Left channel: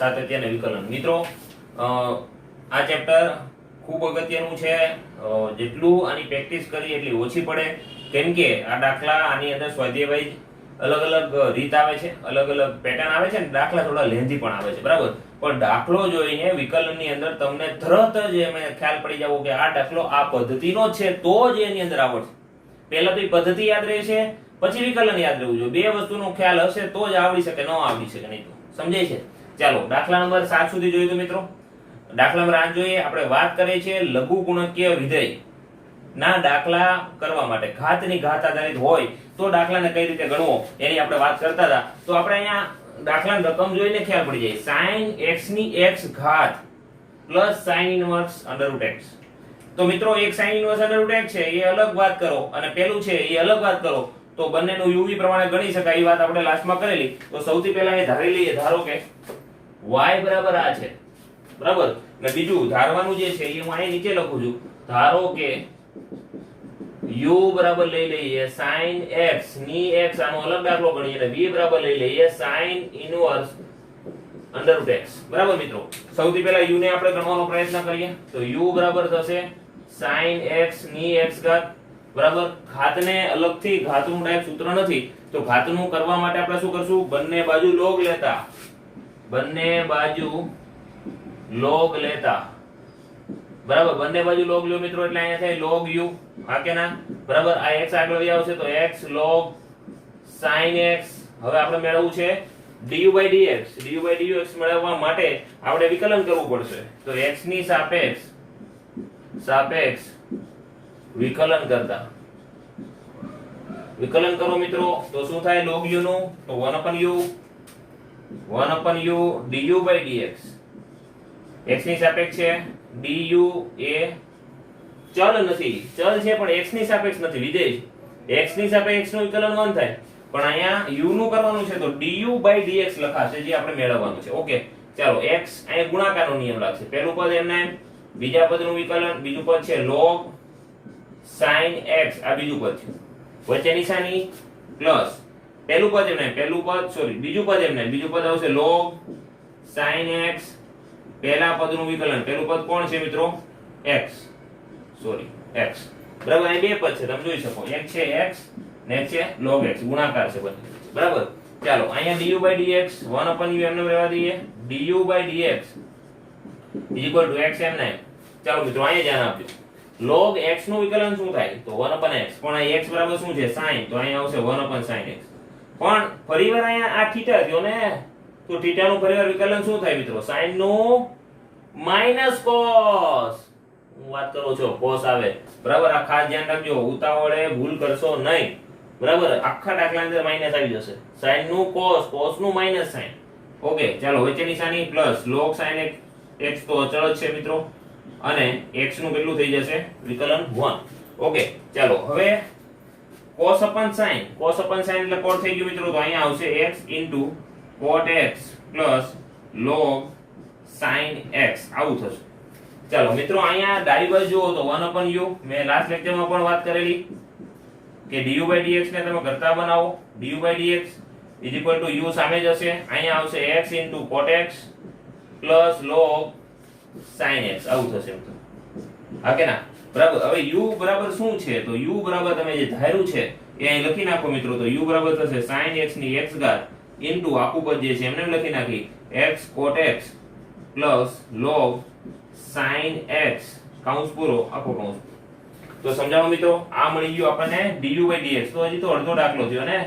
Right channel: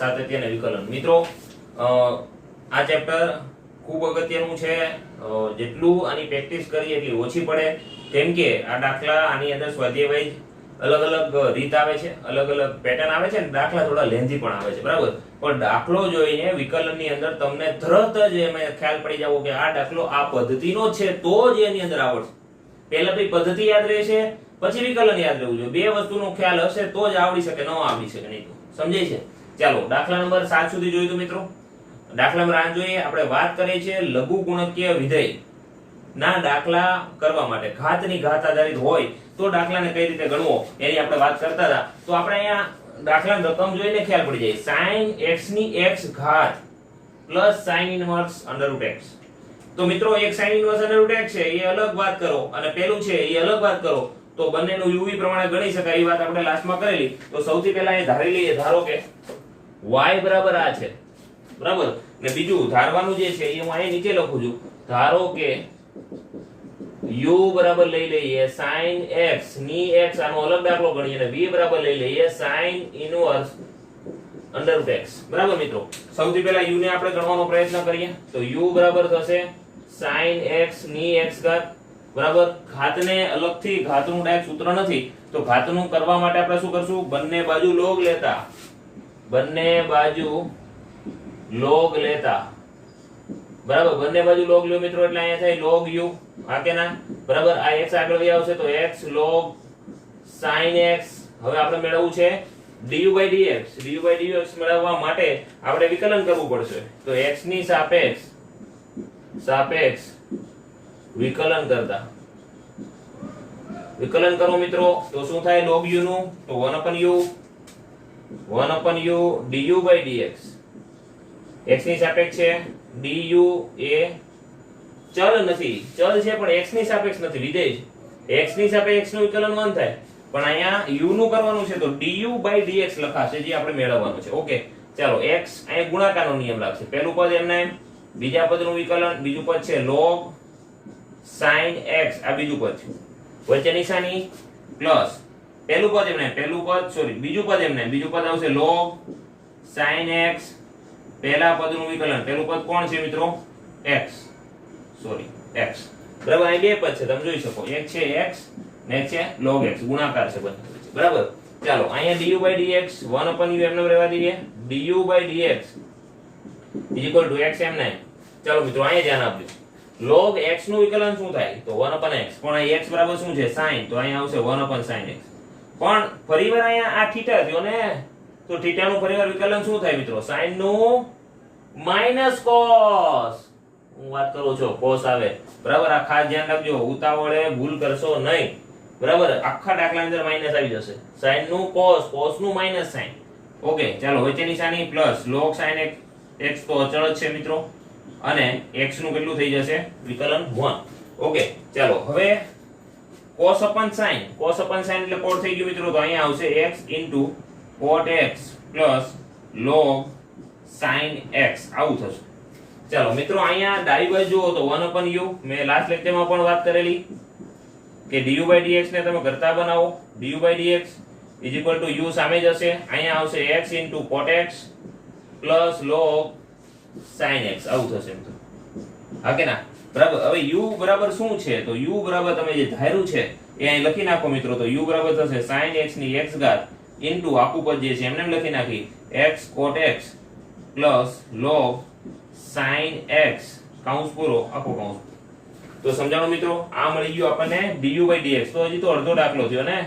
સાતત્ય અને વિકલન. મિત્રો આ ચેપ્ટર ખૂબ અગત્યનું છે. જેટલું આની પ્રેક્ટિસ કરી એટલી ઓછી પડે, કેમ કે આ દાખલા આની અંદર સ્વાધ્યાય વાઇઝ અલગ અલગ રીત આવે છે, અલગ અલગ પેટર્ન આવે છે, અને દાખલા થોડા લેન્ધી પણ આવે છે, બરાબર. પણ દાખલો જોઈને વિકલનની અંદર તમને તરત જ ખ્યાલ પડી જાવ કે આ દાખલો આ પદ્ધતિનો છે, તો જ એની અંદર આવડશે. પહેલા તો એ પદ્ધતિ યાદ રહેશે, પછી વિકલન યાદ રહેવું જોઈએ. બે વસ્તુનો ખ્યાલ હશે તો જ આવડી શકે, ન આવડી શકે નહીં તો. સમજાય છે? ચાલો દાખલા નંબર 7 સુધી જોયું તો મિત્રો. દાખલા નંબર 8 જોઈએ. આપણે વાત કરીએ છીએ લઘુ ગુણકીય વિધેય ના દાખલા કરવા માટે. ઘાતની ઘાત આધારિત હોય તો દાખલાને કઈ રીતે ગણવો એની આપણે વાત કરતા હતા. તો આપણે અહીંયા દાખલાની રકમ જોઈને ખ્યાલ પડી જાય. sin x ની x ઘાત પ્લસ sin ઇન્વર્સ √ x. તો મિત્રો એક sin ઇન્વર્સ √ x છે એ અલગ વાત કરો, અને પેલું છે એ અલગ વાત કરો, તો બંનેનું uv પ્રમાણે ગણી શકાય. એ વાત આપણે લાસ્ટમાં કરેલી. તો સૌથી પહેલા એ ધારી લઈએ. ધારો કે y બરાબર આ છે, બરાબર. ને બીજું ધારવાનું જે છે એ હું અહીં નીચે લખું છું. ધારો કે u બરાબર લઈ લઈએ sin x ની x, આનો અલગ દાખલો ગણીએ, અને v બરાબર લઈ લઈએ sin ઇન્વર્સ √ x. બરાબર મિત્રો. સૌથી પહેલા u ને આપણે ગણવાનો પ્રયત્ન કરીએ. તો u બરાબર થશે sin x ની x ઘાત, બરાબર. ઘાતને અલગથી, ઘાતનું ડાયરેક્ટ સૂત્ર નથી, તો ઘાતનું કરવા માટે આપણે શું કરશું? બંને બાજુ log લેતા, બંને બાજુ log લેતા, બરાબર. બંને બાજુ log લ્યો મિત્રો, એટલે અહીંયા થાય log u. હા કે ના? બરાબર. આ x આગળ વહી આવશે તો x log sin x. હવે આપણે મેળવવું છે du/dx. du/dx મેળવવા માટે આપણે વિકલન કરવું પડશે. તો x ની સાપેક્ષ વિકલન કરતા, વિકલન કરો મિત્રો, તો શું થાય? log u નું તો 1/u du/dx. x ની સાપેક્ષ છે, du એ ચલ નથી, ચલ છે પણ x ની સાપેક્ષ નથી, વિધેય છે. x ની સાપેક્ષ નું વિકલન 1 થાય, પણ અહીંયા u નું કરવાનું છે તો du/dx લખાશે, જે આપણે મેળવવાનું છે. ઓકે, ચાલો. x અહીં ગુણાકારનો નિયમ લાગશે. પહેલું પદ એમના એમ, બીજા પદનું વિકલન, બીજું પદ છે log sin x, આ બીજું પદ છે, વચ્ચે નિશાની પ્લસ પહેલું પદ એમને પહેલું પદ, સોરી બીજું પદ એમને બીજું પદ આવશે log sin x. પહેલા પદનું વિકલન, પહેલું પદ કોણ છે મિત્રો? x, સોરી x, બરાબર. અહીં બે પદ છે, તમે જોઈ શકો. એક છે x ને એક છે log x, ગુણાકાર છે બંને, બરાબર. ચાલો અહીંયા du/dx 1/u એમને રહેવા દઈએ. du/dx = x એમ નહીં. ચાલો મિત્રો અહીંયા ધ્યાન આપજો. log x નું વિકલન શું થાય? તો 1/x. પણ આ x બરાબર શું છે? sin. તો અહીંયા આવશે 1/sin x. પણ ફરીવાર અહીંયા આ θ થયો ને, તો θ નું ફરીવાર વિકલન શું થાય મિત્રો? sin નું માઈનસ cos. હું વાત કરું છું cos આવે, બરાબર. આ ખાસ ધ્યાન રાખજો, ઉતાવળે ભૂલ કરશો નહીં, બરાબર. આખા દાખલા અંદર માઈનસ આવી જશે. sin નું cos, cos નું માઈનસ sin. ઓકે, ચાલો વચ્ચે નિશાની પ્લસ log sin x તો અચળ જ છે મિત્રો, અને x નું કેટલું થઈ જશે? વિકલન 1. ઓકે, ચાલો હવે cos/sin. cos/sin એટલે કોટ થઈ ગયું મિત્રો, તો અહીંયા આવશે x cot x log sin x. આવું થશે. ચાલો મિત્રો અહીંયા ડાબી બાજુ જુઓ તો 1/u. મેં લાસ્ટ લેક્ચરમાં પણ વાત કરેલી કે du/dx ને તમે કરતા બનાવો. du/dx u સામે જ હશે, અહીંયા આવશે x cot x log sin x. આવું થશે મિત્રો. હા કે ના? બરાબર. હવે u બરાબર શું છે? તો u બરાબર તમે જે ધાર્યું છે એ અહીં લખી નાખો મિત્રો. તો u બરાબર થશે sin x ની x ઘાત ઇન્ટુ આખું પદ જે છે એમને લખી નાખી x cot x log sin x કૌંસ પૂરો, આખો કૌંસ. તો સમજાવો મિત્રો, આ મળી ગયું આપણને du/dx. તો હજી તો અડધો દાખલો થયો ને,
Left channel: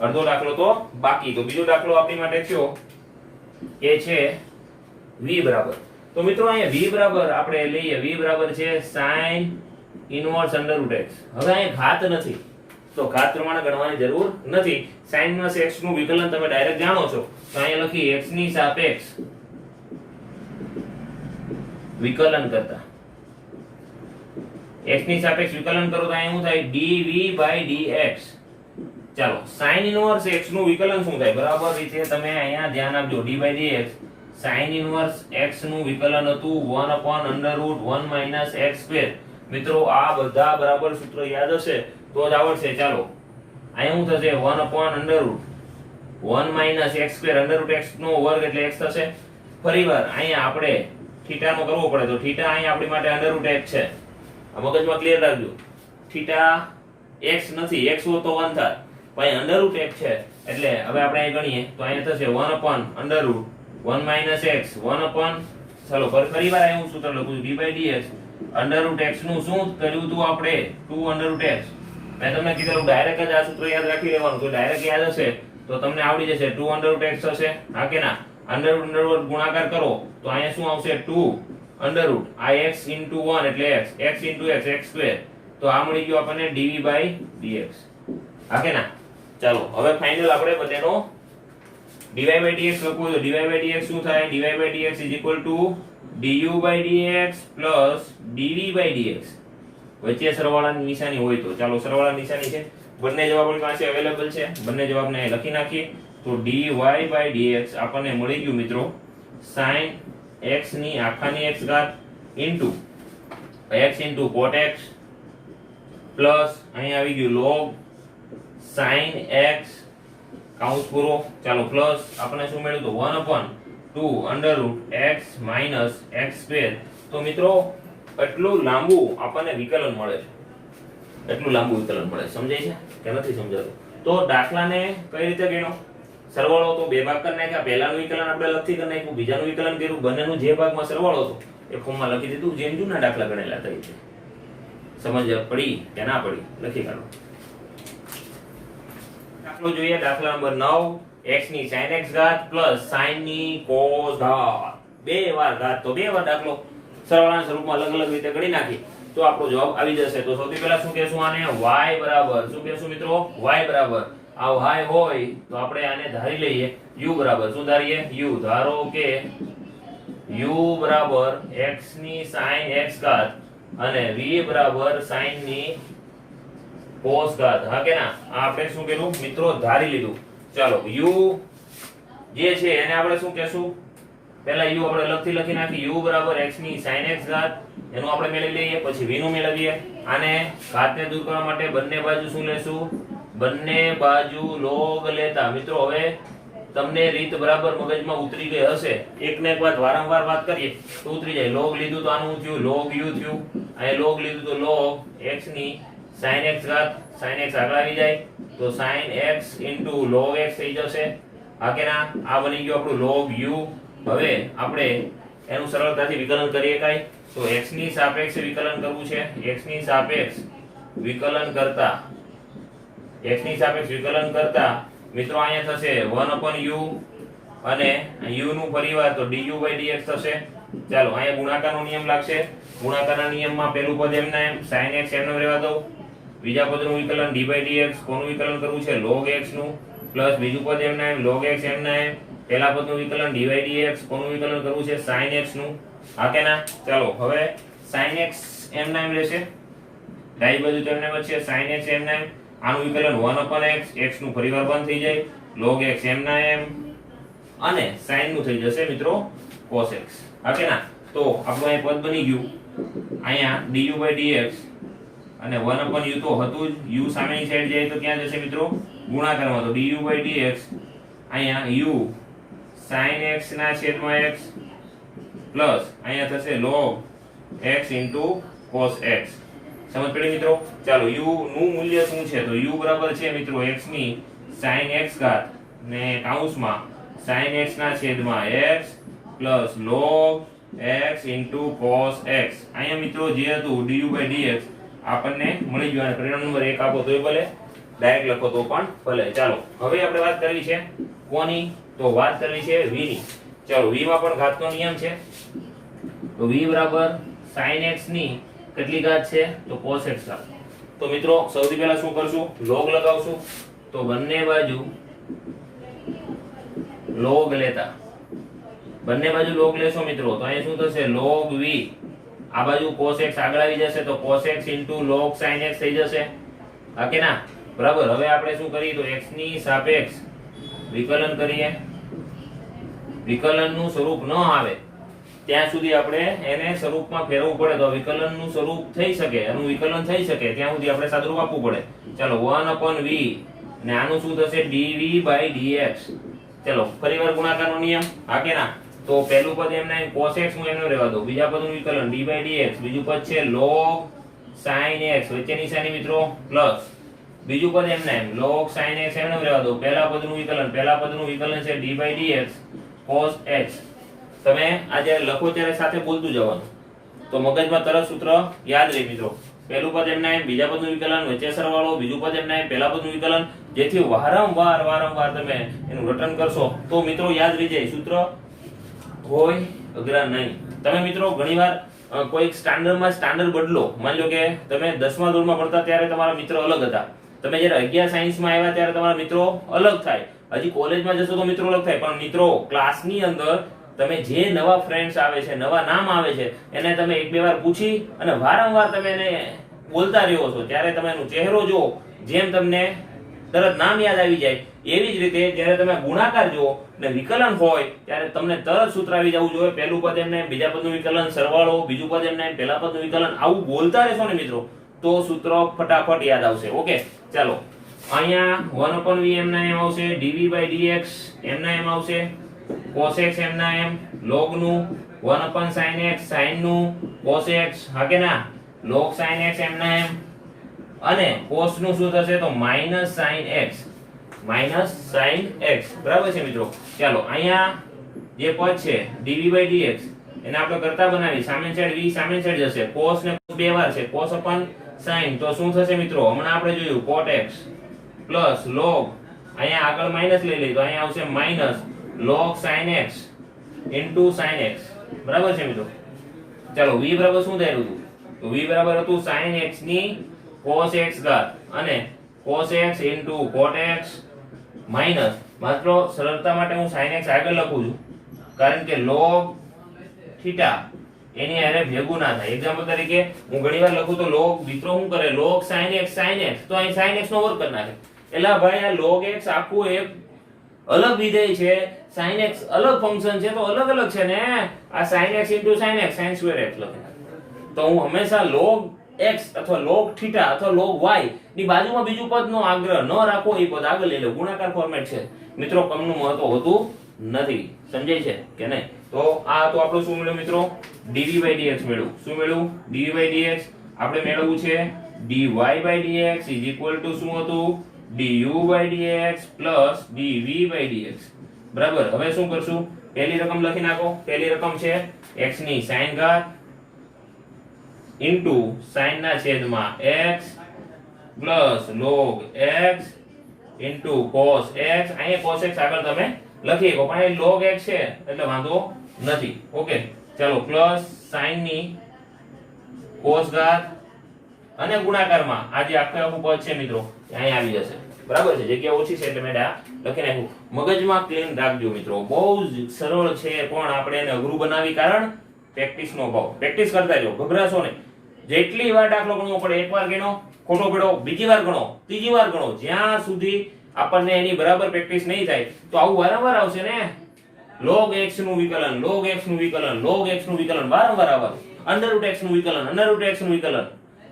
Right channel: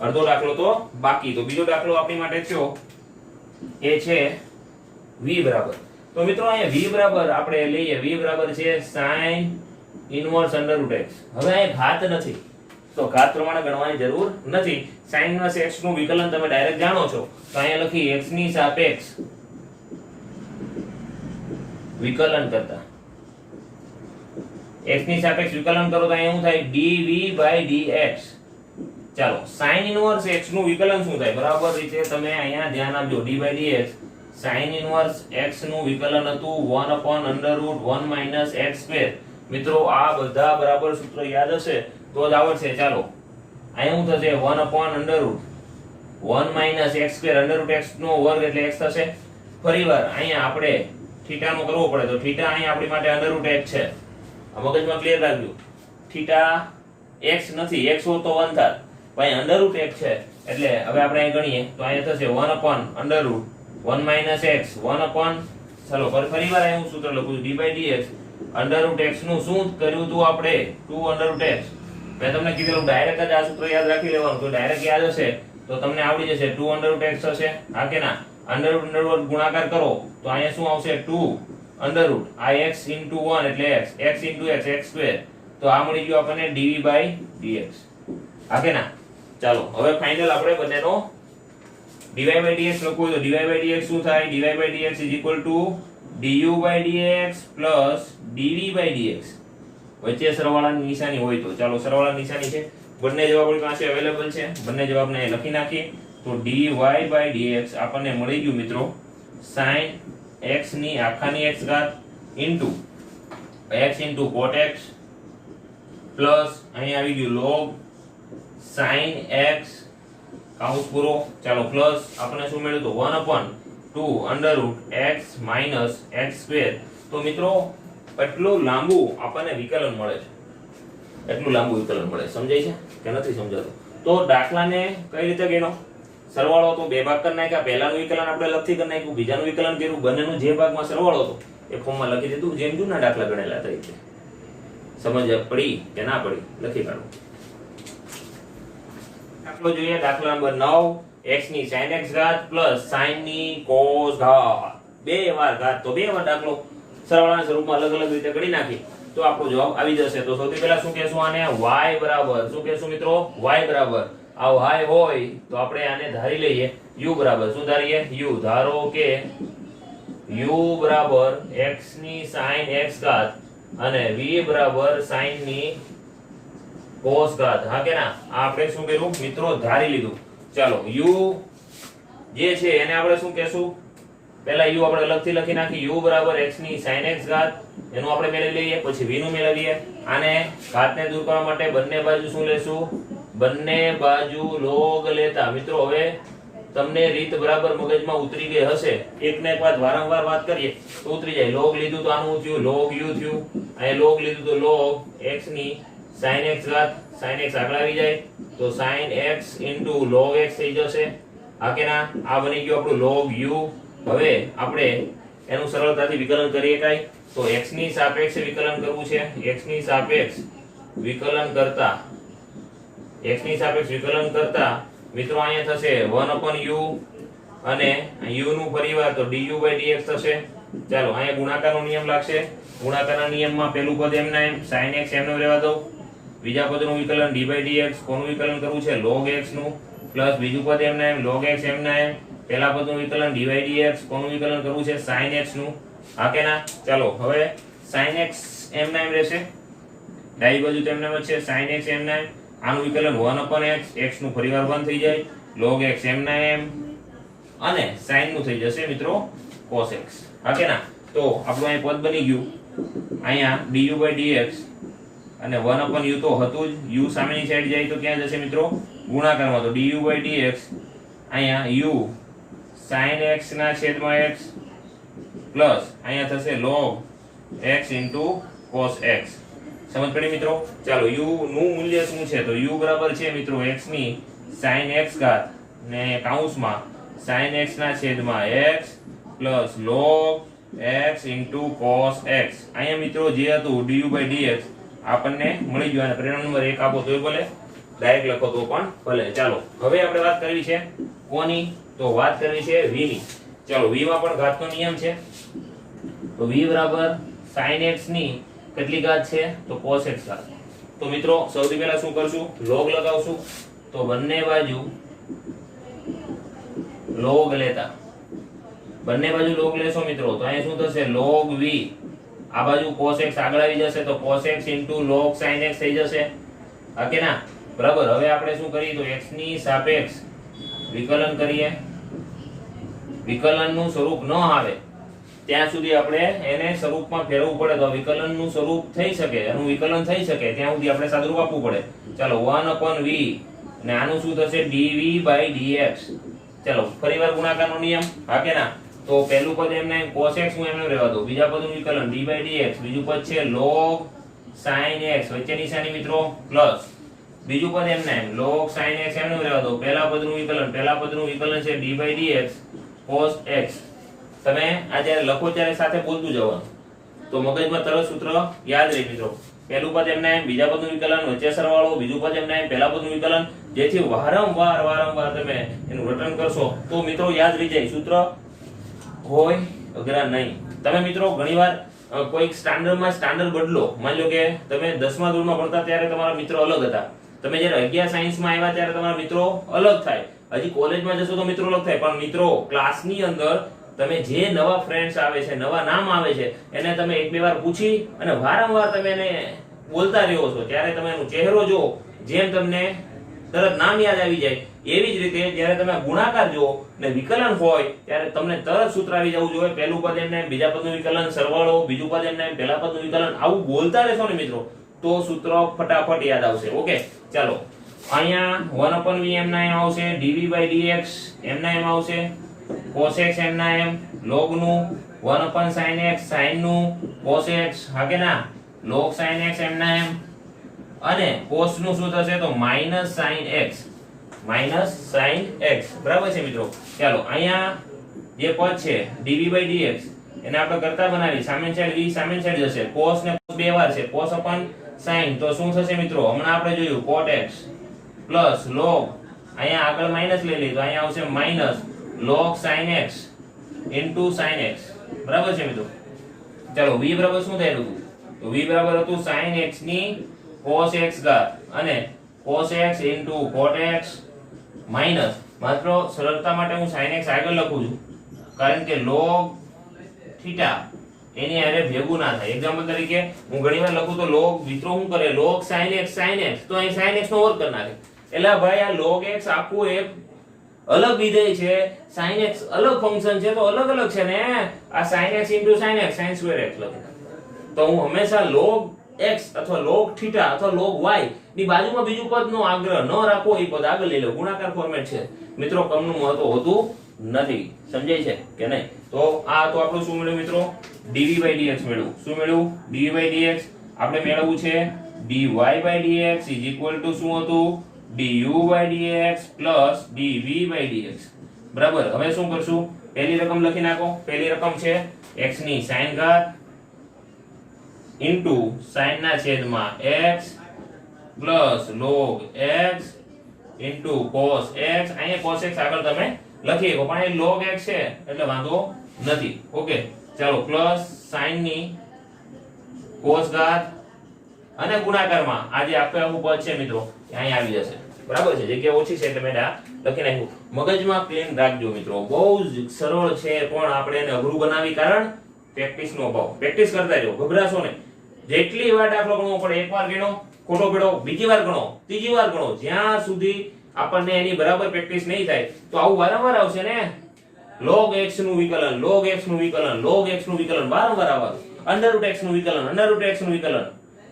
અડધો દાખલો તો બાકી. તો બીજો દાખલો આપણી માટે કયો એ છે v બરાબર. તો મિત્રો અહીંયા v બરાબર આપણે લઈએ, v બરાબર છે sin ઇન્વર્સ √ x. હવે અહીંયા ઘાત નથી, તો ઘાત પ્રમાણે ગણવાની જરૂર નથી. sin ઇન્વર્સ x નું વિકલન તમે ડાયરેક્ટ જાણો છો, તો અહીંયા લખી x ની સાપેક્ષ વિકલન કરતા. x ની સાપેક્ષ વિકલન કરો તો અહીંયા શું થાય? dv/dx. ચાલો sin ઇન્વર્સ x નું વિકલન શું થાય? બરાબર રીતે તમે અહીંયા ધ્યાન આપજો. d/dx sin ઇન્વર્સ x નું વિકલન હતું 1/√1 - x². મિત્રો આ બધા બરાબર સૂત્ર યાદ હશે તો જ આવડશે. ચાલો અહીંયા શું થશે? 1/√1 - x². √x નો વર્ગ એટલે x થશે. ફરીવાર અહીંયા આપણે થીટા નો કરવો પડે તો થીટા અહીંયા આપણી માટે √x છે. આ મગજમાં ક્લિયર રાખજો. થીટા x નથી, x હોત તો 1 થાત, પણ √x છે એટલે હવે આપણે અહીં ગણીએ તો અહીંયા થશે 1/√1 - x 1 ચાલો ફરીવાર અહીં હું સૂત્ર લખું છું d/dx. √x નું શું કર્યું હતું આપણે 2 √x. મેં તમને કીધેલું ડાયરેક્ટ જ આ સૂત્ર યાદ રાખી લેવાનું, તો ડાયરેક્ટ યાદ હશે તો તમને આવડી જશે. 2 √x થશે, હા કે ના? √√, ગુણાકાર કરો તો અહીંયા શું આવશે 2 √ આ x * 1 એટલે x, x * x x². તો આ મળી ગયું આપણને dv/dx, હા કે ના? ચાલો હવે ફાઇનલ આપણે બધાનો dy/dx લખવું તો dy/dx શું થાય? dy/dx = du/dx + dv/dx. વચ્ચે સરવાળાની નિશાની હોય તો ચાલો સરવાળાની નિશાની છે, બંને જવાબ આપણી પાસે અવેલેબલ છે, બંને જવાબને લખી નાખીએ તો dy/dx આપણને મળી ગયું મિત્રો sin x ની આખાની x ઘાત into x into cot x plus અહીં આવી ગયું log sin x કાઉન્સ પૂરો. ચાલો પ્લસ આપણને શું મળ્યું તો 1/2 √x - x². તો મિત્રો એટલું લાંબુ આપણને વિકલન મળે છે, એટલું લાંબુ વિકલન મળે. સમજાય છે કે નથી સમજાતું? તો દાખલાને કઈ રીતે ગણો? સરવાળો તો બે ભાગ કરી નાખ્યા. પહેલાનું વિકલન આપણે અલગથી કરી નાખ્યું, બીજાનું વિકલન કર્યું, બંનેનું જે ભાગમાં સરવાળો હતો એ ફોર્મમાં લખી દીધું, જેમ જૂના દાખલા ગણેલા હતા રીતે. સમજ પડી કે ના પડી? લખી કાઢો. દાખલો જોઈએ, દાખલા નંબર 9. x ની sin x ઘાત પ્લસ sin ની cos ઘાત. બે વાર ઘાત તો બે વાર દાખલો સરવાળાના સ્વરૂપમાં અલગ અલગ રીતે ગણી નાખી તો આપણો જવાબ આવી જશે. તો સૌથી પહેલા શું કહેશું? આને y બરાબર શું કહેશું મિત્રો? y બરાબર આ y હોય તો આપણે આને ધારી લઈએ u બરાબર શું ધારીએ? u. ધારો કે u બરાબર x ની sin x ઘાત અને v બરાબર sin ની cos ઘાત, હા કે ના? આ આપણે શું કર્યું મિત્રો? ધારી લીધું. ચાલો u જે છે એને આપણે શું કહેશું? પહેલા u આપણે અલગથી લખી નાખી. u બરાબર x ની sin x ઘાત એનું આપણે મેળવી લઈએ, પછી v નું મેળવીએ. આને ઘાતને દૂર કરવા માટે બંને બાજુ શું લેશું? બંને બાજુ log લેતા. મિત્રો હવે તમને રીત બરાબર મગજમાં ઉતરી ગઈ હશે. એકને એક વાત વારંવાર વાત કરીએ તો ઉતરી જાય. log લીધું તો આનું થયું log u થયું, અને log લીધું તો log x ની sin x ઘાત. sin x આગળ આવી જાય તો sin x * log x થઈ જશે, હા કે ના? આ બની ગયું આપણું log u. હવે આપણે એનું સરળતાથી વિકલન કરીએ કાઈ તો x ની સાપેક્ષે વિકલન કરવું છે. x ની સાપેક્ષ વિકલન કરતા મિત્રો અહીંયા થશે 1/u અને u નું પરિવાર તો du/dx થશે. ચાલો અહીંયા ગુણાકારનો નિયમ લાગશે. ગુણાકારના નિયમમાં પહેલું પદ એમના એમ sin x એમનો રહેવા દો. બીજા પદનું વિકલન d/dx કોનું વિકલન કરવું છે? log x નું. પ્લસ બીજું પદ એમના એમ log x એમના એમ. પહેલા પદનું વિકલન dy/dx કોનું વિકલન કરવું છે? sin x નું, હા કે ના? ચાલો હવે sin x એમના એમ રહેશે, ડાબી બાજુ તો એમના એમ છે sin x એમના એમ. આનું વિકલન 1/x, x નું પરિવાર બંધ થઈ જાય, log x એમના એમ અને sin નું થઈ જશે મિત્રો cos x, હા કે ના? તો આપણું અહીં પદ બની ગયું અહીંયા du/dx અને 1/u તો હતું જ. u સામેની સાઈડ જાય તો ક્યાં જશે મિત્રો? ગુણાકારમાં. તો du/dx અહીંયા u sin x ના છેદમાં x પ્લસ અહીંયા થશે log x * cos x. સમજ પડી મિત્રો? ચાલો u નું મૂલ્ય શું છે? તો u બરાબર છે મિત્રો x ની sin x ઘાત ને કૌંસમાં sin x ના છેદમાં x plus log x * cos x. અહીંયા મિત્રો જે હતું du/dx આપણને મળી ગયું. અને પરિણામ નંબર 1 આપો તોય ભલે, ડાયરેક્ટ લખો તો પણ ભલે. ચાલો હવે આપણે વાત કરવી છે કોની? તો વાત કરવી છે v ની. ચાલો v માં પણ ઘાતનો નિયમ છે. તો v બરાબર sin x ની કેટલી ઘાત છે? તો cos x ઘાત. તો મિત્રો સૌથી પહેલા શું કરશું? log લગાવશું. તો બંને બાજુ log લેતા, બંને બાજુ log લેશો મિત્રો તો અહીંયા શું થશે? log v. આ બાજુ cos x આગળ આવી જશે તો cos x * log sin x થઈ જશે, હા કે ના? બરાબર. હવે આપણે શું કરીએ તો x ની સાપેક્ષ વિકલન કરીએ. વિકલનનું સ્વરૂપ ન આવે ત્યાં સુધી આપણે એને સ્વરૂપમાં ફેરવવું પડે. તો વિકલનનું સ્વરૂપ થઈ શકે, એનું વિકલન થઈ શકે ત્યાં સુધી આપણે સાદુરૂપ આપવું પડે. ચાલો 1/v અને આનું શું થશે? dv/dx. ચાલો ફરીવાર ગુણાકારનો નિયમ, હા કે ના? તો પહેલું પદ એમને cos x હું એમને રહેવા દઉં, બીજા પદનું વિકલન d/dx, બીજું પદ છે log sin x, વચ્ચે નિશાની મિત્રો પ્લસ, બીજું પદ એમને log sin x એમને રહેવા દઉં, પહેલા પદનું વિકલન છે d/dx cos x. તમે આ જ્યારે લખો ત્યારે સાથે બોલતું જવાનું, તો મગજમાં તરત સૂત્ર યાદ રહે મિત્રો. પહેલું પદ એમને બીજા પદનું વિકલન, વચ્ચે સરવાળો, બીજું પદ એમને પહેલા પદનું વિકલન, જેથી વારંવાર તમે એનું રટન કરશો તો મિત્રો યાદ રહી જાય. સૂત્ર હોય અઘરા નહીં. તમે મિત્રો ઘણીવાર કોઈ સ્ટાન્ડર્ડ બદલો. માની લો કે તમે 10મા ધોરણમાં ભણતા ત્યારે તમારા મિત્રો અલગ હતા, તમે જ્યારે 11 સાયન્સમાં આવ્યા ત્યારે તમારા મિત્રો અલગ થાય, હજી કોલેજમાં જશો તો મિત્રો અલગ થાય. પણ મિત્રો ક્લાસની અંદર તમે જે નવા ફ્રેન્ડ્સ આવે છે, નવા નામ આવે છે, એને તમે એક બે વાર પૂછી અને વારંવાર તમે એને બોલતા રહ્યો છો, ત્યારે તમે એનો ચહેરો જુઓ, જેમ તમને તરત નામ યાદ આવી જાય, એવી જ રીતે જ્યારે તમે ગુણાકાર જુઓ ને વિકલન હોય ત્યારે તમને તરત સૂત્ર આવી જવું જોઈએ. પહેલું પદ એમને બીજા પદનું વિકલન સરવાળો, બીજું પદ એમને પહેલા પદનું વિકલન, આવું બોલતા રહેશો ને મિત્રો તો સૂત્ર ફટાફટ યાદ આવશે. ઓકે, ચાલો અહીંયા 1/v એમના એમ આવશે, dv/dx એમના એમ આવશે, cos x એમના એમ, log નું 1/sin x, sin નું cos x, હા કે ના, log sin x એમના એમ, અને cos નું શું થશે તો -sin x, બરાબર છે મિત્રો. ચાલો અહીંયા જે પદ છે dv/dx એને આપણે કરતા બનાવી, સામેની સાઈડ v સામેની સાઈડ જશે, cos ને cos બે વાર છે, cos upon sin, તો શું થશે મિત્રો હમણાં આપણે જોયું cot x પ્લસ log, અહીંયા આગળ માઈનસ લઈ લઈએ તો અહીંયા આવશે minus log sin x into sin x, બરાબર છે મિત્રો. ચાલો v બરાબર શું થયેલું હતું તો v બરાબર હતું sin x ની cos x ઘાત અને cos x into cot x minus, માત્ર સરળતા માટે હું sin x આગળ લખું છું કારણ કે log થીટા એની હારે ભેગું ના થાય. એક્ઝામ્પલ તરીકે હું ઘણીવાર લખું તો log મિત્રો શું કરે, log sin x તો અહીં sin x નો વર્ગ કરી નાખે. એટલે ભાઈ આ log x આખું એક અલગ વિધેય છે, sin x અલગ ફંક્શન છે, તો અલગ છે ને આ sin x into sin x sin square x લખે. તો હું હંમેશા log x અથવા log થીટા અથવા log y ની બાજુમાં બીજું પદ નો આગ્રહ ન રાખો, એ પદ આગળ લઈ લો. ગુણાકાર ફોર્મેટ છે મિત્રો, કમનું મહત્વ હોતું નથી. સમજાય છે કે નહીં? તો આ તો આપણું શું મળ્યું મિત્રો, dv/dx મેળવ્યું. શું મેળવ્યું? dv/dx. આપણે મેળવવું છે dy/dx is equal to શું હતું, du/dx plus dv/dx, બરાબર. હવે શું કરશું, પહેલી રકમ લખી નાખો. પહેલી રકમ છે x ની sin ઘાત ઇન્ટુ sin ના છેદમાં x plus log x into cos x. અહીંયા cos x આગળ તમે લખી શકો, પણ અહીં log x છે એટલે વાંધો નથી. ઓકે, ચાલો પ્લસ sin ની cos ઘાત અને ગુણાકારમાં આ જે આખું પદ છે મિત્રો અહીં આવી જશે, બરાબર છે. જગ્યા ઓછી છે એટલે મેં લખી નાખ્યું. મગજમાં પ્લેન રાખજો મિત્રો, બહુ જ સરળ છે પણ આપણે એને અઘરું બનાવી, કારણ પ્રેક્ટિસનો અભાવ. પ્રેક્ટિસ કરતા જાઓ, ગભરાશો નહીં. જેટલી વાર દાખલો ગણવો પડે, એકવાર ગણો ખોટો પડ્યો, બીજી વાર ગણો, ત્રીજી વાર ગણો, જ્યાં સુધી આપણને એની બરાબર પ્રેક્ટિસ નહીં થાય તો આવું વારંવાર આવશે ને. log x નું વિકલન, log x નું વિકલન, log x નું વિકલન વારંવાર આવવાનું, √ x નું વિકલન, √ x નું વિકલન,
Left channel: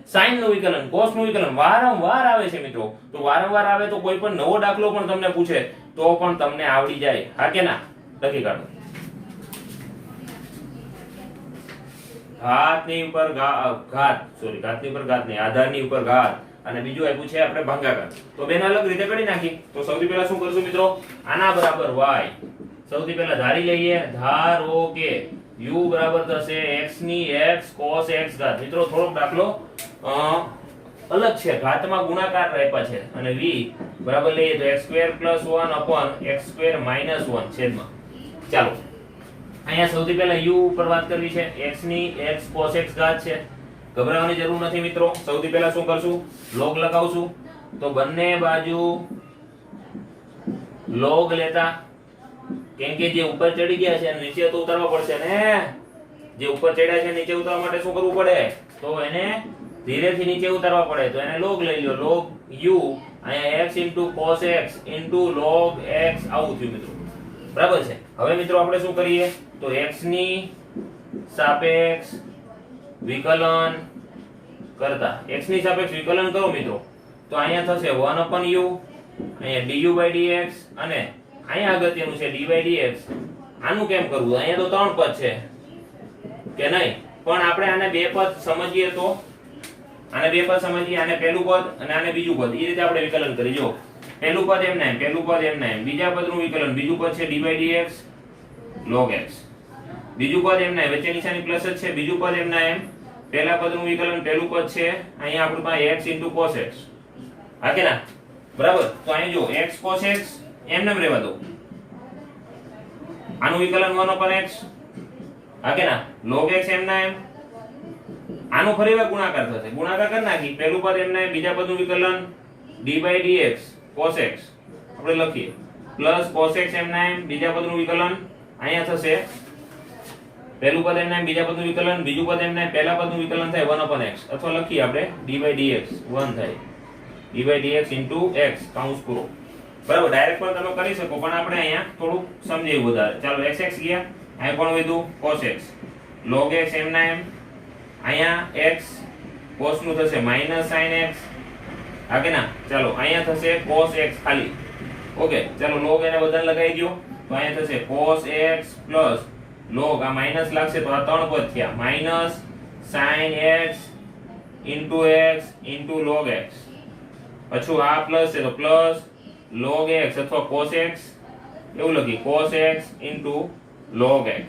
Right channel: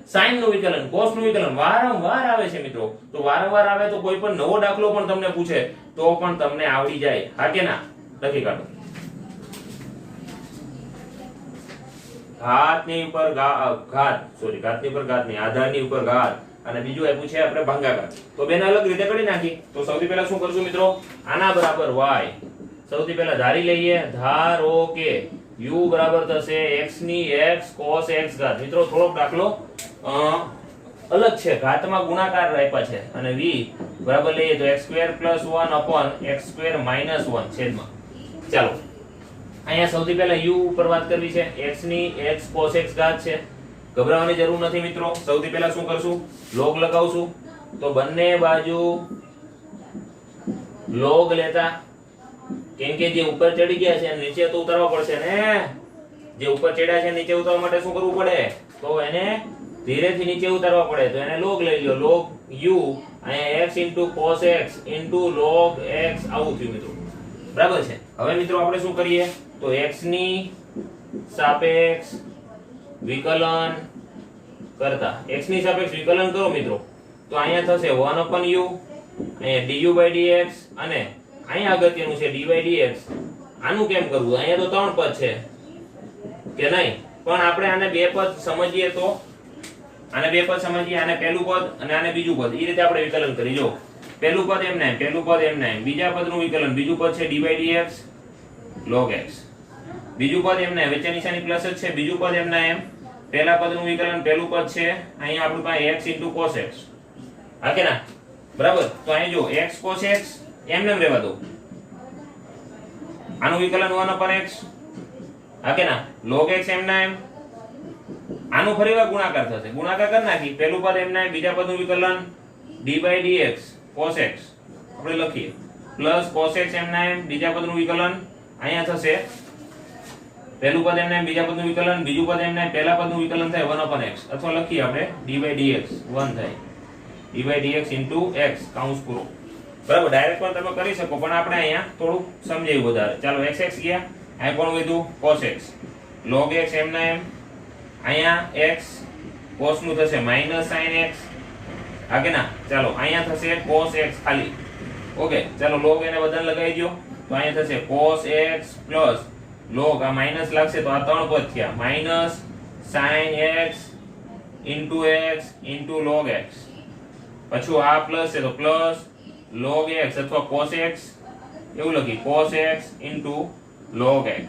sin નું વિકલન, cos નું વિકલન વારંવાર આવે છે મિત્રો. તો વારંવાર આવે તો કોઈ પણ નવો દાખલો પણ તમને પૂછે તો પણ તમને આવડી જાય, હા કે ના? લખી કાઢો. ઘાતની ઉપર ઘાત નહીં, આધારની ઉપર ઘાત, અને બીજું આપ્યું છે આપણે ભાગાકાર. તો બેને અલગ રીતે કરી નાખી. તો સૌથી પહેલા શું કરશું મિત્રો, આના બરાબર y. સૌથી પહેલા ધારી લઈએ, ધારો કે u બરાબર થશે x ની x cos x ઘાત. મિત્રો થોડોક દાખલો અલગ છે, ઘાતમાં ગુણાકાર આપ્યા છે, અને v બરાબર લઈએ તો x² + 1 upon x² - 1 છેદમાં. ચાલો અહીંયા સૌથી પહેલા u ઉપર વાત કરવી છે, x ની x cos x ઘાત છે. ગભરાવાની જરૂર નથી મિત્રો. સૌથી પહેલા શું કરશું, log લગાવશું. તો બંને બાજુ log લેતા, કેમ કે જે ઉપર ચડી ગયા છે નીચે તો ઉતારવા પડશે ને. જે ઉપર ચડ્યા છે નીચે ઉતારવા માટે શું કરવું પડે, તો એને ધીરેથી નીચે ઉતારવા પડે. તો એને log લઈ લો, log u અહીંયા x cos x log x આવું થયું મિત્રો, બરાબર છે. હવે મિત્રો આપણે શું કરીએ, તો x ની સાપેક્ષ વિકલન કરતા, x ની સાપેક્ષ વિકલન કરો મિત્રો, તો અહીંયા થશે 1/u, અહીંયા du/dx, અને અહીંયા અગત્યનું છે dy/dx આનું કેમ કરવું? અહીંયા તો 3 પદ છે કે નહીં? પણ આપણે આને 2 પદ સમજીએ તો આને 2 પદ સમજીએ, આને પહેલું પદ અને આને બીજું પદ, એ રીતે આપણે વિકલન કરી. જો પહેલું પદ એમ ને પહેલું પદ એમ ને બીજા પદનું વિકલન, બીજું પદ છે dy/dx log x, બીજું પદ એમ ને વચ્ચે નિશાની પ્લસ જ છે, બીજું પદ એમ ને એમ, પહેલા પદનું વિકલન, પહેલું પદ છે અહીંયા આપણી પાસે x cos x, હા કે ના? બરાબર. તો અહીં જો x cos x એમ રહેવા દો, આનું વિકલન 1/x, હા કે ના? log x એમ ના એમ, આનું ફરીવાર ગુણાકાર થશે, ગુણાકાર કરી નાખી, પહેલું પદ એમ ને બીજા પદનું વિકલન dy/dx cos x આપણે લખીએ, પ્લસ cos x એમ ના એમ, બીજા પદનું વિકલન અહીંયા થશે, પહેલું પદ એમ ને બીજા પદનું વિકલન, બીજું પદ એમ ને પહેલા પદનું વિકલન થાય 1/x, અથવા લખીએ આપણે dy/dx 1 થાય, dy/dx x કૌંસ પૂરો. બરાબર. ડાયરેક્ટ પણ તમે કરી શકો, પણ આપણે અહીંયા થોડું સમજાવ્યું વધારે. ચાલો x ગયા, અહીં કોણ વધ્યું? cos x, log x એમ ના એમ, અહીંયા x cos નું થશે માઈનસ sin x, હા કે ના? ચાલો અહીંયા થશે cos x ખાલી. ઓકે, ચાલો log એને બધાને લગાવી દો, તો અહીંયા થશે cos x પ્લસ log, આ માઈનસ લાગશે તો આ 3 પદ થયા, minus sin x into log x, પાછું આ પ્લસ છે તો પ્લસ log x અથવા cos x, એવું લખી cos x into log x.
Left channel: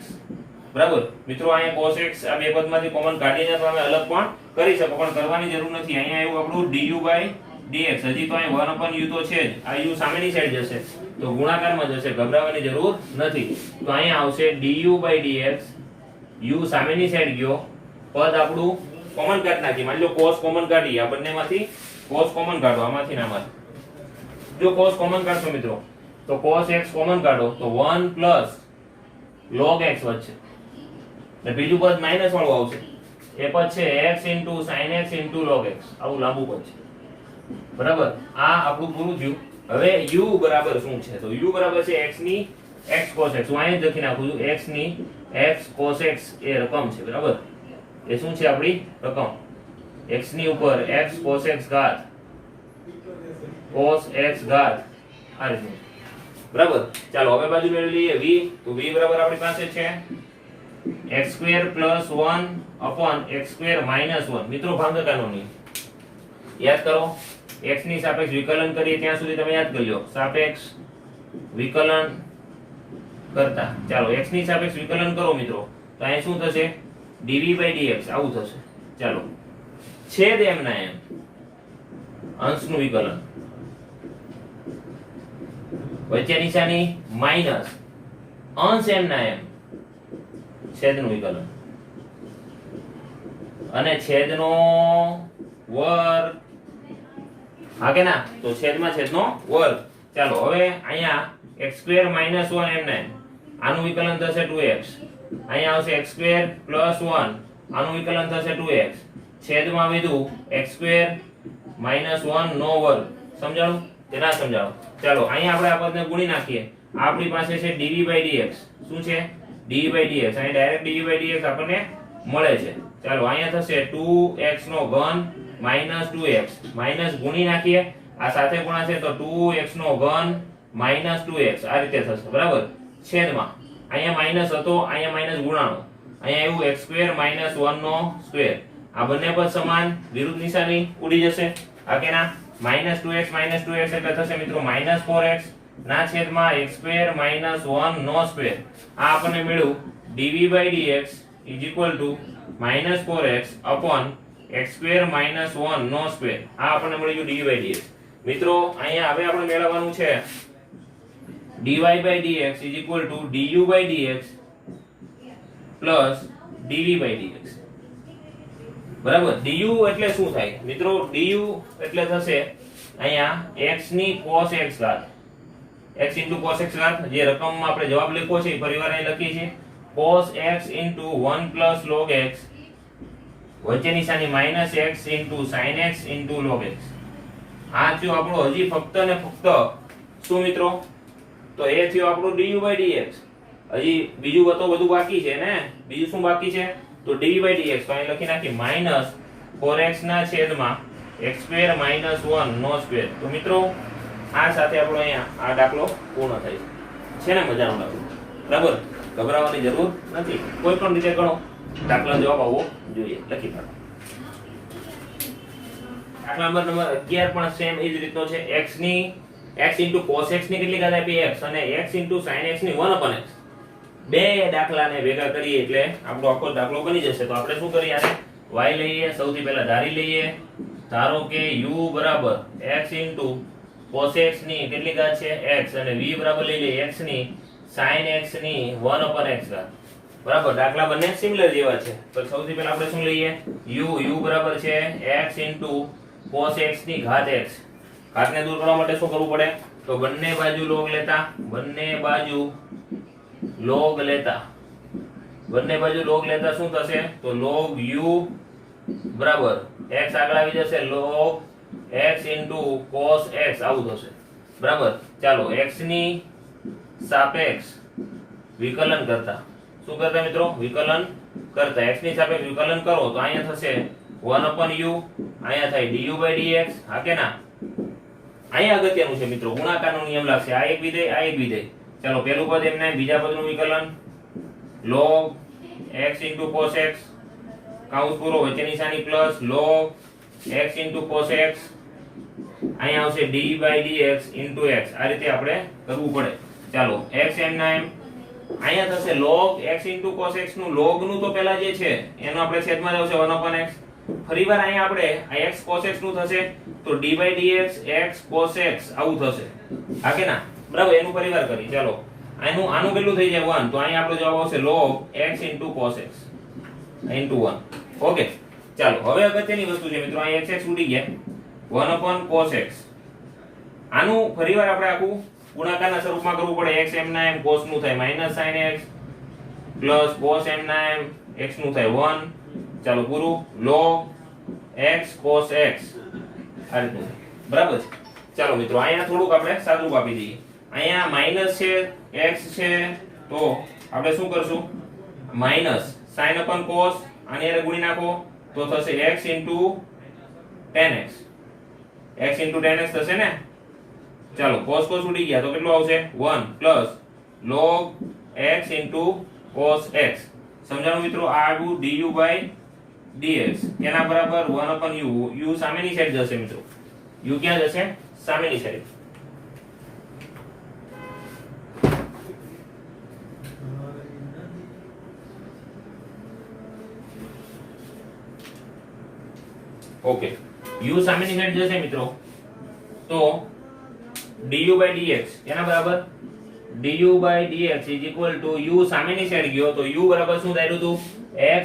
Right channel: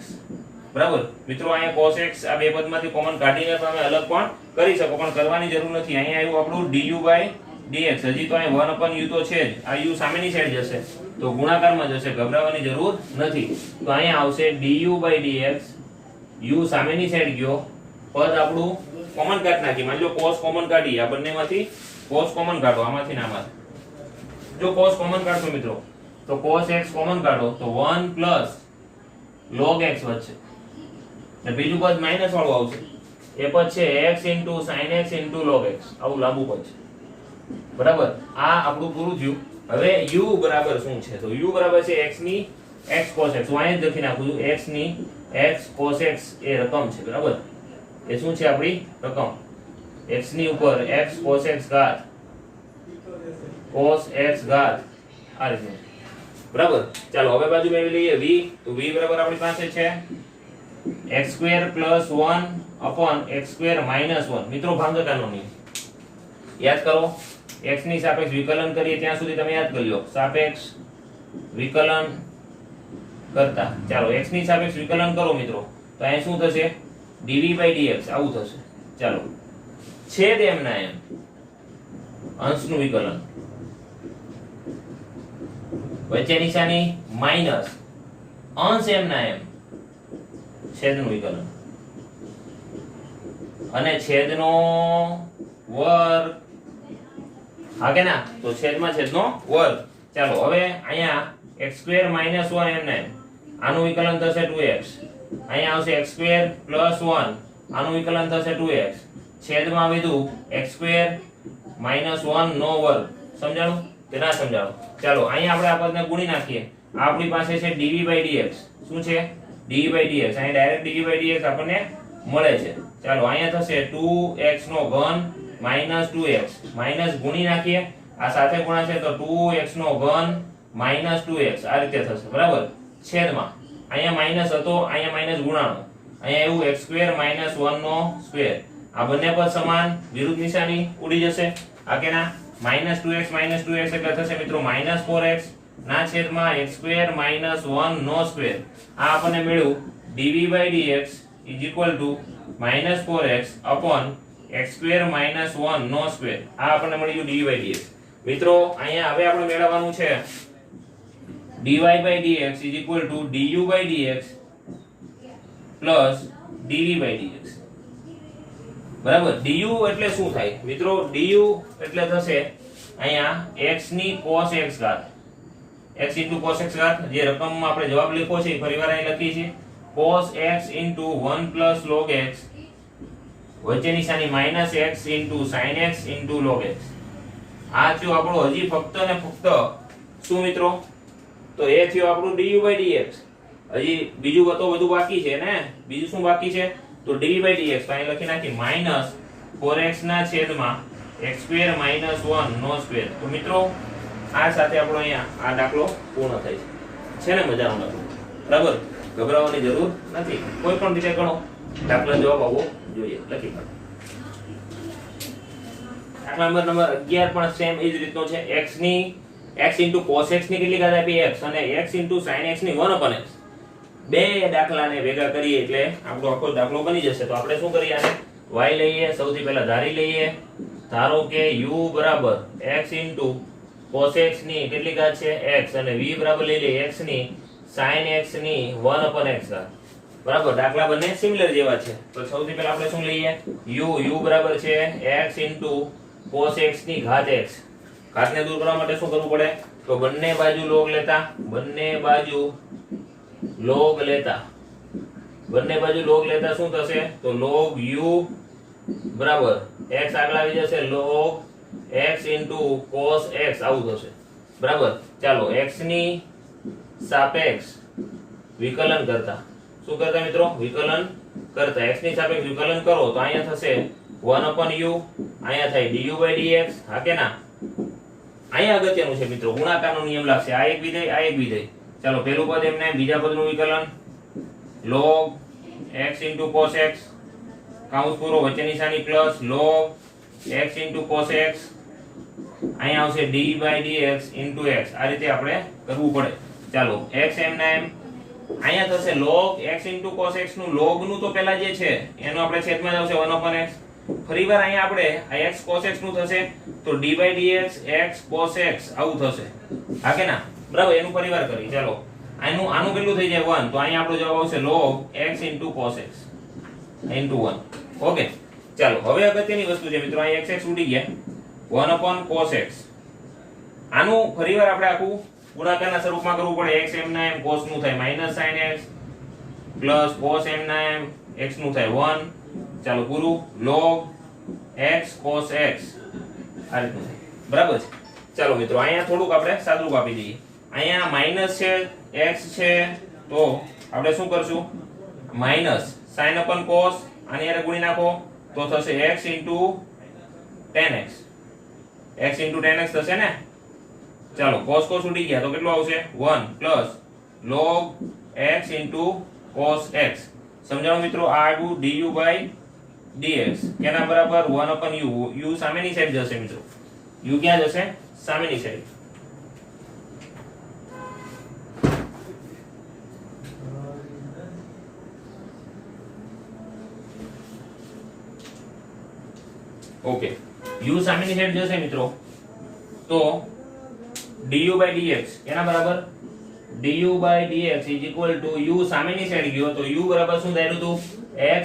બરાબર મિત્રો. અહીંયા cos x આ બે પદમાંથી કોમન કાઢીને તમે અલગ પણ કરી શકો, પણ કરવાની જરૂર નથી. અહીંયા એવું આપણું du/dx, હજી તો અહીં 1/u તો છે જ, આ u સામેની સાઈડ જશે તો ગુણાકારમાં જશે, ગભરાવાની જરૂર નથી. તો અહીંયા આવશે du/dx, u સામેની સાઈડ ગયો, પદ આપણું કોમન કાઢી નાખી, માની લો cos કોમન કાઢી, આ બંનેમાંથી cos કોમન કાઢો, આમાંથી ને આમાંથી. જો cos કોમન કાઢશો મિત્રો તો cos x કોમન કાઢો તો 1 પ્લસ log x વધશે, ને બીજું પદ માઈનસ વાળું આવશે, એ પદ છે x into sin x into log x, આવું લાંબુ પદ છે. બરાબર. આ આપણું પૂરું થયું. હવે u બરાબર શું છે? તો u બરાબર છે x ની x cos x, હું અહીં જ લખી નાખું છું, x ની x cos x એ રકમ છે. બરાબર. એ શું છે? આપણી રકમ. x ની ઉપર x cos x ઘાત cos x ઘાત આ રીતનું. બરાબર. ચાલો હવે બાજુ મેળવી લઈએ v, તો v બરાબર આપણી પાસે છે x² + 1/x² - 1. મિત્રો ભાગાકારનો નિયમ યાદ કરો, x ની સાપેક્ષ વિકલન કરીએ ત્યાં સુધી તમે યાદ કરી લો, સાપેક્ષ વિકલન કરતા. ચાલો x ની સાપેક્ષ વિકલન કરો મિત્રો, તો અહીં શું થશે? dv/dx આવું થશે. ચાલો છેદ એમ ના એમ, અંશનું વિકલન, વચ્ચે નિશાની માઈનસ, અંશ એમ ના એમ, છેદનું વિકલન, અને છેદનો વર્ગ, હા કે ના? તો છેદમાં છેદનો વર્ગ. ચાલો હવે અહીંયા x² - 1 એમ ને આનું વિકલન થશે 2x, અહીંયા આવશે x² + 1, આનું વિકલન થશે 2x, છેદમાં વધ્યું x² - 1 નો વર્ગ. સમજાણું કે ના સમજાણું? ચાલો અહીંયા આપણે આ પદને ગુણી નાખીએ, આપણી પાસે છે dv/dx, શું છે? dv/dx, અહીં ડાયરેક્ટ dv/dx આપણને મળે છે. ચાલો અહીંયા થશે 2x નો ઘન માઈનસ 2x, માઈનસ ગુણી નાખીએ, આ સાથે ગુણાશે તો 2x નો ઘન માઈનસ 2x, આ રીતે થશે. બરાબર. છેદમાં અહીંયા માઈનસ હતો, અહીંયા માઈનસ ગુણાણો, અહીંયા એવું x² - 1 નો સ્ક્વેર, આ બંને પદ સમાન, વિરુદ્ધ નિશાની ઉડી જશે, આ કે ના? -2x એટલે થશે મિત્રો -4x ના છેદમાં x² - 1 નો સ્ક્વેર. આ આપણને મળ્યું dv/dx = -4x x² - 1 નો સ્ક્વેર. આ આપણને મળી ગયું dv/dx. મિત્રો અહીંયા હવે આપણે મેળવવાનું છે dy/dx = du/dx dv/dx. બરાબર. du એટલે શું થાય મિત્રો? du એટલે થશે અહીંયા x ની cos x ઘાત, x * cos x ઘાત, જે રકમમાં આપણે જવાબ લખ્યો છે ફરીવાર અહીં લખી છે, cos x * 1 + log x, વચ્ચે નિશાની -x * sin x * log x. આ થયું આપણું હજી ફક્ત ને ફક્ત શું મિત્રો? તો એ થયું આપણું du/dx. હજી બીજું તો બધું બાકી છે ને? બીજું શું બાકી છે? તો dv/dx અહીં લખી નાખી -4x ના છેદમાં x² - 1 નો સ્ક્વેર. તો મિત્રો આ સાથે આપણો અહીંયા આ દાખલો પૂર્ણ થાય છે ને? મજાનો દાખલો. બરાબર. ગભરાવાની જરૂર નથી, કોઈ પણ રીતે ગણો દાખલા જવાબ આવવો જોઈએ. લખી કાઢો. દાખલા નંબર 11 પણ સેમ એ જ રીતનો છે. x ની x cos x ની કેટલી ઘાત આપી x અને x sin x ની 1/x. બે દાખલાને ભેગા કરીએ એટલે આપણો આખો દાખલો બની જશે. તો આપણે શું કરીએ, આને y લઈએ, સૌથી પહેલા ધારી લઈએ. ધારો કે u બરાબર x cos x ની કેટલી ઘાત છે x અને v બરાબર લઈ લઈએ x ની sin x ની 1/x ઘાત. બરાબર, દાખલા બંને સિમિલર જેવા છે. તો સૌથી પહેલા આપણે શું લઈએ, u બરાબર છે x cos x ની ઘાત x. ઘાતને દૂર કરવા માટે શું કરવું પડે, તો બંને બાજુ log લેતા, બંને બાજુ log લેતા શું થશે, તો log u બરાબર x આગળ આવી જશે log x cos x આવું થશે. બરાબર, ચાલો x ની સાપેક્ષ વિકલન કરતા, શું કરતા મિત્રો, વિકલન કરતા x ની સાપેક્ષ વિકલન કરો તો અહીંયા થશે 1/u, અહીંયા થાય du/dx. હા કે ના? અહીંયા અગત્યનું છે મિત્રો, ગુણાકારનો નિયમ લાગશે. આ એક વિધેય, આ એક વિધેય. ચાલો પહેલું પદ એમને, બીજા પદનું વિકલન log x cos x કાઉન્સ પૂરો, વચ્ચે નિશાની plus log x cos x, અહીંયા આવશે d/dx x. આ રીતે આપણે કરવું પડે. ચાલો x એમના એમ, અહીંયા થશે log x cos x નું log નું તો પહેલા જે છે એનો આપણે છેદમાં જ આવશે 1/x. ફરીવાર અહીંયા આપણે આ x cos x નું થશે તો d/dx x cos x આવું થશે. હા કે ના? બરાબર, એનું પરિવાર કરી. ચાલો આનું કેટલું થઈ જાય 1, તો અહીંયા આપણો જવાબ આવશે log x cos x into 1. Okay, ચાલો હવે અગત્યની વસ્તુ છે મિત્રો, અહીં x ઉડી ગયા 1/cos x. આનું ફરીવાર આપણે આખું ગુણાકારના સ્વરૂપમાં કરવું પડે. x એમના એમ cos નું થાય -sin x પ્લસ cos એમના એમ x નું થાય 1. ચાલો પૂરું, log x cos x આ રીતનું થાય. બરાબર છે. ચાલો મિત્રો અહીંયા થોડુંક આપણે સાદુરૂપ આપી દઈએ. અહીંયા માઈનસ છે, x છે, તો આપણે શું કરશું, માઈનસ sin cos આની હારે ગુણી નાખો તો થશે x tan x. x tan x થશે ને. ચાલો cos ઉડી ગયા તો કેટલું આવશે 1 plus log x cos x. સમજાણું મિત્રો? આ આવ્યું du/dx એના બરાબર 1/u. u સામેની સાઈડ જશે મિત્રો. u ક્યાં જશે? સામેની સાઈડ. ઓકે, u સામેની સાઈડ જશે મિત્રો, તો du/dx એના બરાબર du/dx u સામેની સાઈડ ગયો તો u બરાબર શું થાય હતું, x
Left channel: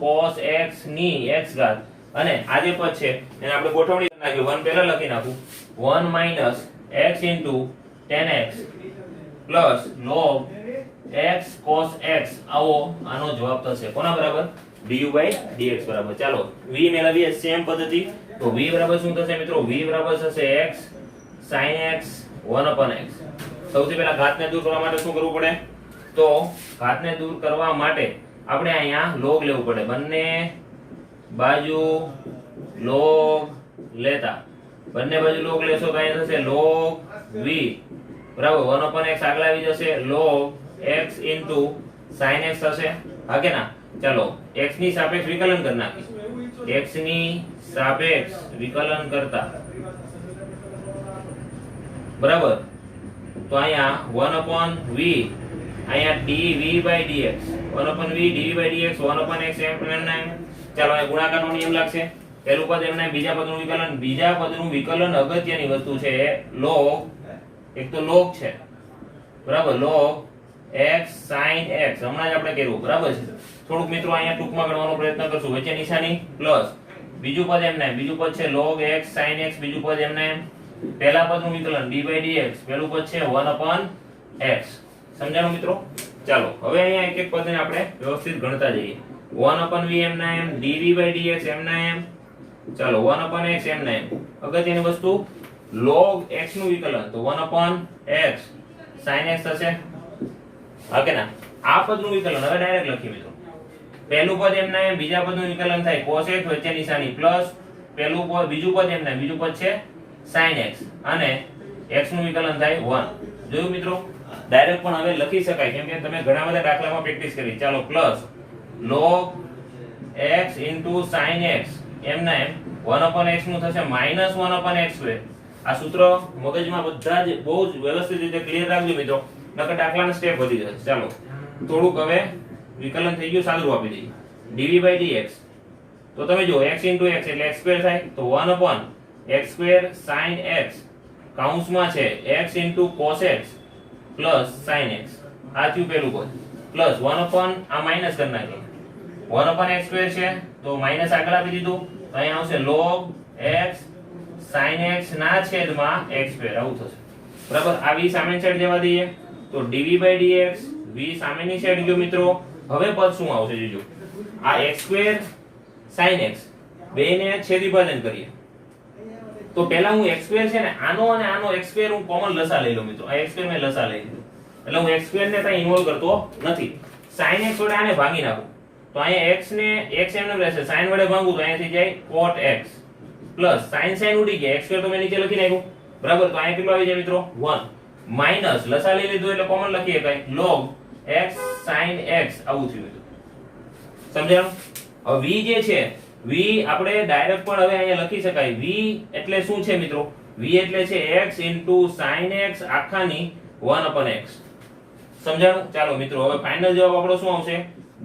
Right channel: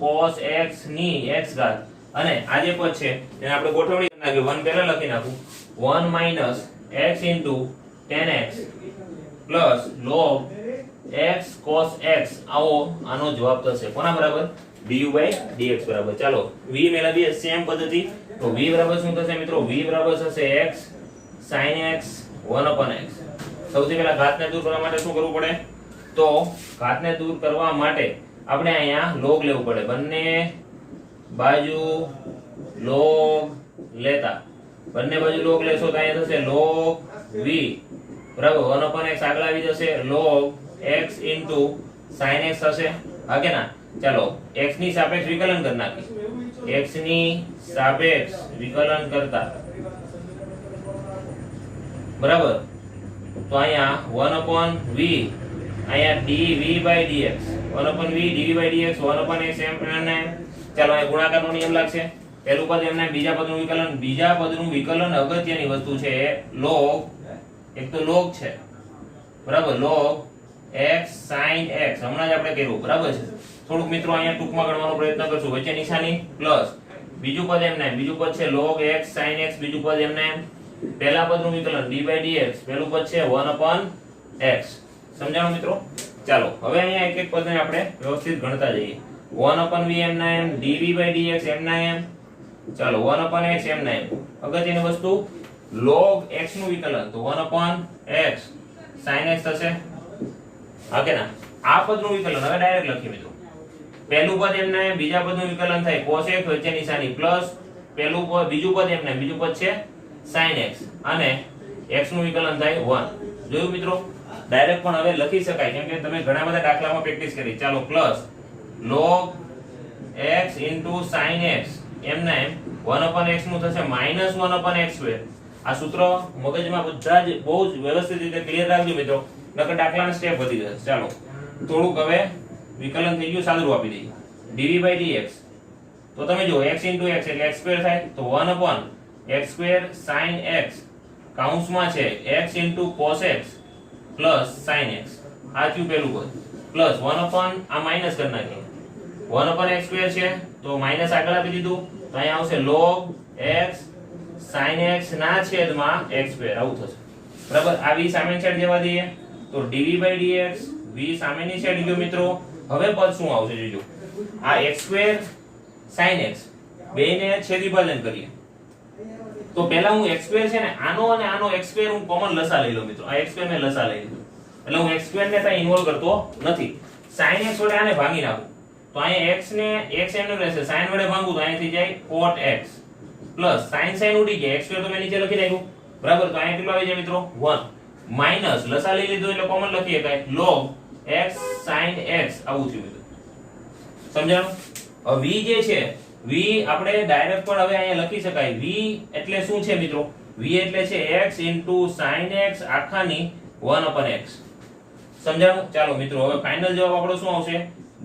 cos x ની x ઘાત. અને આ જે પદ છે એને આપણે ગોઠવણી કરી નાખી, 1 પહેલા લખી નાખું, 1 - x tan x plus log x cos x. આવો આનો જવાબ થશે કોના બરાબર, du/dx બરાબર. ચાલો v મેળવીએ સેમ પદ્ધતિ. તો v બરાબર શું થશે મિત્રો, v બરાબર થશે x sin x 1/x. સૌથી પહેલા ઘાતને દૂર કરવા માટે શું કરવું પડે, તો ઘાતને દૂર કરવા માટે આપણે અહીંયા log લેવું પડે. બંને બાજુ log લેતા, બંને બાજુ log લેશો તો અહીંયા થશે log v બરાબર 1/x આગળ આવી જશે log x sin x થશે. હા કે ના? ચાલો x ની સાપેક્ષ વિકલન કરી નાખી, x ની સાપેક્ષ વિકલન કરતા બરાબર, તો અહીંયા 1/v અહીંયા dv/dx 1/v dv/dx 1/x એમ. ચાલો અહીં ગુણાકારનો નિયમ લાગશે. પહેલું પદ એમના, બીજા પદનું વિકલન. બીજા પદનું વિકલન અગત્યની વસ્તુ છે log, એક તો log છે બરાબર, log x sin x હમણાં જ આપણે કર્યું બરાબર છે. થોડુંક મિત્રો અહીંયા ટૂંકમાં ગણવાનો પ્રયત્ન કરશું. વચ્ચે નિશાની પ્લસ બીજું પદ એમના, બીજું પદ છે log x sin x, બીજું પદ એમના એમ. પહેલા પદનું વિકલન d/dx, પહેલું પદ છે 1/x. સમજાણું મિત્રો? ચાલો હવે અહીંયા એક એક પદને આપણે વ્યવસ્થિત ગણતા જઈએ. 1/v એમના એમ, dv/dx એમના એમ. ચાલો 1/x એમના એમ. અગત્યની વસ્તુ log x નું વિકલન, તો 1/x sin x થશે. હા કે ના? આ પદનું વિકલન હવે ડાયરેક્ટ લખીએ મિત્રો. પહેલું પદ એમના એમ, બીજા પદનું વિકલન થાય cos x, વચ્ચે નિશાની પ્લસ પહેલું પદ, બીજું પદ એમના, બીજું પદ છે sin x અને x નું વિકલન થાય 1. જોયું મિત્રો? ડાયરેક્ટ પણ હવે લખી શકાય કેમ કે તમે ઘણા બધા દાખલામાં પ્રેક્ટિસ કરી. ચાલો plus log x sin x એમના એમ 1/x નું થશે -1/x². આ સૂત્ર મગજમાં બધા જ બહુ જ વ્યવસ્થિત રીતે ક્લિયર રાખજો મિત્રો, નકર દાખલાના સ્ટેપ વધી જશે. ચાલો થોડુંક હવે વિકલન થઈ ગયું, સાદું આપી દઈએ. dv/dx તો તમે જો x x એટલે x² થાય તો 1/x² sin x કૌંસમાં છે x cos x sin x. આ થયું પેલું પદ પ્લસ 1/ આ માઈનસ કરી નાખીએ 1/x² છે તો માઈનસ આગળ આપી દીધું તો અહીંયા આવશે log x sin x ના છેદમાં x². આવું થશે બરાબર. આ v સામેની સાઈડ જવા દઈએ તો dv/dx v સામેની સાઈડ ગયો મિત્રો. હવે પદ શું આવશે જોજો, આ x² sin x બેને છેદ વિભાજન કરીએ તો પહેલા હું x² છે ને આનો અને આનો x² હું કોમન લસા લઈ લઉં મિત્રો. આ x² ને લસા લઈ લઉં એટલે હું x² ને ત્યાં ઇન્વોલ્વ કરતો નથી. sin x વડે આને ભાગી નાખું તો અહીંયા x ને x એમને રહેશે, sin વડે ભાગું તો અહીંયા થઈ જાય cot x પ્લસ sin ઉડી ગયા, x² તો મેં નીચે લખી નાખ્યું બરાબર. તો અહીંયા કેટલું આવી જાય મિત્રો 1 માઈનસ લસા લઈ લીધું એટલે કોમન લખી શકાય log x sin x. આવું થયું મિત્રો, સમજાયું? હવે v જે છે v આપણે ડાયરેક્ટ પણ હવે અહીંયા લખી શકાય. v એટલે શું છે મિત્રો? v એટલે છે x sin x આખાની 1/x. સમજાયું? ચાલો મિત્રો હવે ફાઇનલ જવાબ આપણો શું આવશે?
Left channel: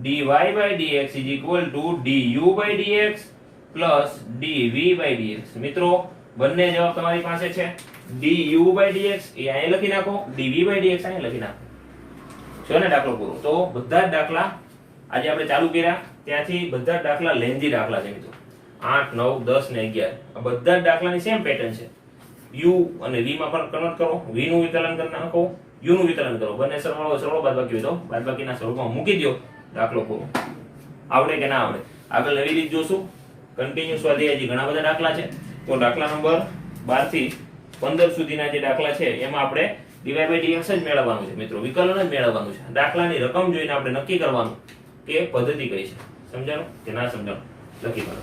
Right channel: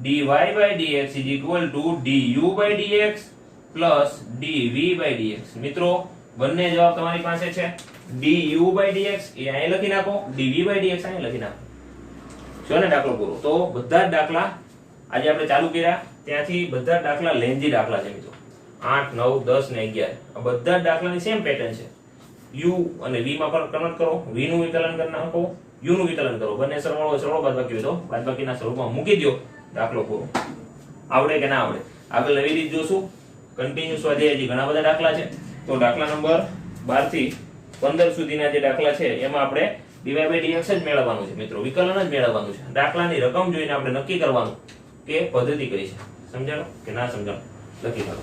dy/dx du/dx dv/dx. મિત્રો બંને જવાબ તમારી પાસે છે. du/dx એ અહીં લખી નાખો, dv/dx અહીં લખી નાખો. જો ને દાખલો પૂરો. તો બધા જ દાખલા આજે આપણે ચાલુ કર્યા ત્યાંથી બધા જ દાખલા લેન્ધી દાખલા છે મિત્રો. 8 9 10 ને 11 આ બધા જ દાખલાની સેમ પેટર્ન છે. u અને v માં પણ કન્વર્ટ કરો, v નું વિકલન કરી નાખો, u નું વિકલન કરો, બંને સરવાળો બાદબાકી હોય તો બાદબાકીના સ્વરૂપમાં મૂકી દો. દાખલો પૂરો. આવડે કે ના આવડે આગળ નવી રીત જોશું. કન્ટિન્યુ સ્વાધ્યાય જે ઘણા બધા દાખલા છે તો દાખલા નંબર 12 થી 15 સુધીના જે દાખલા છે એમાં આપણે dy/dx જ મેળવવાનું છે મિત્રો, વિકલન જ મેળવવાનું છે. દાખલાની રકમ જોઈને આપણે નક્કી કરવાનું કે પદ્ધતિ કઈ છે. સમજાણું કે ના સમજાણું? લખી કરો.